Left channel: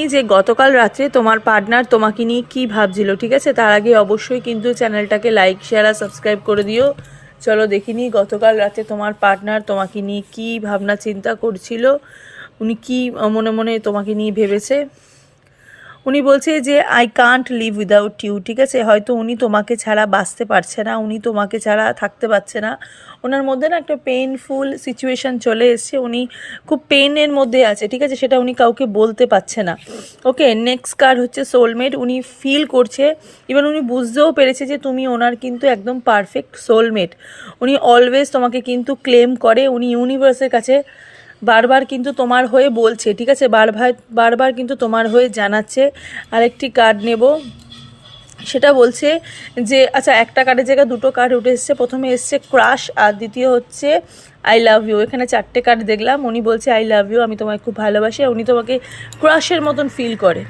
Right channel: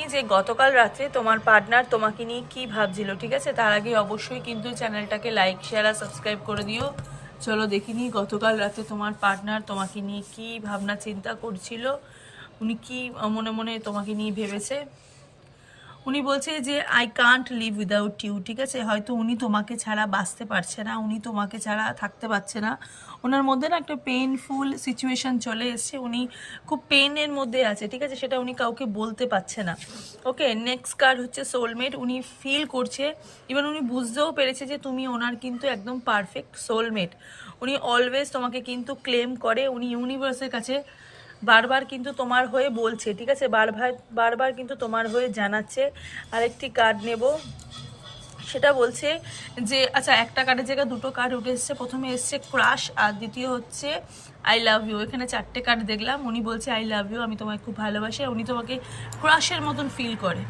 এই যে গতকাল রাত্রে তোমার পার্টনার তোমাকে নিয়ে কি ভাবছিল, ঠিক আছে? তার আগে অবশ্যই কিন্তু চ্যানেলটাকে লাইক শেয়ার আর সাবস্ক্রাইব করে দিও। চলো দেখিনি গতকাল রাতে তোমার পার্টনার তোমাকে নিয়ে কি ভাবনা চিন্তা করছিল, উনি কি মনে মনে তোমাকে নিয়ে ভেবেছে। উনি বলছে যে I can't live without you, ঠিক আছে? হয়তো উনি তোমাকে ছাড়া বাঁচতে পারছে না, উনি তোমাকে ছাড়া থাকতে পারছে না। ওনার মধ্যে না একটা পেইনফুল সিচুয়েশান চলে এসছে, উনি খুব পেনের মধ্যে আছে, ঠিক আছে? সেটা উনি কাউকে বলতে পারছে না। ওকে, নেক্সট কার্ড হচ্ছে সোলমেট। উনি ফিল করছে, ইভেন উনি বুঝতেও পেরেছে যে তুমি ওনার কিন্তু একদম পারফেক্ট সোলমেট। উনি অলওয়েজ তোমাকে কিন্তু ক্লেম করে, উনি ইউনিভার্সের কাছে বারবার কিন্তু তোমার হয়ে বলছে, ঠিক আছে? বারবার বারবার কিন্তু তোমার হয়ে জানাচ্ছে। আরেকটি কার্ড নেব, সেটা বলছে যে আচ্ছা, একটা কার্ডের জায়গায় দুটো কার্ড উঠে এসছে। প্রথমে এসছে ক্রাশ আর দ্বিতীয় হচ্ছে আই লাভ ইউ। এখানে চারটে কার্ড দেখলাম। উনি বলছে আই লাভ ইউ, আমি তোমায় খুব ভালোবাসি, উনি তোমাকে ক্রাশের মতন ফিল করে।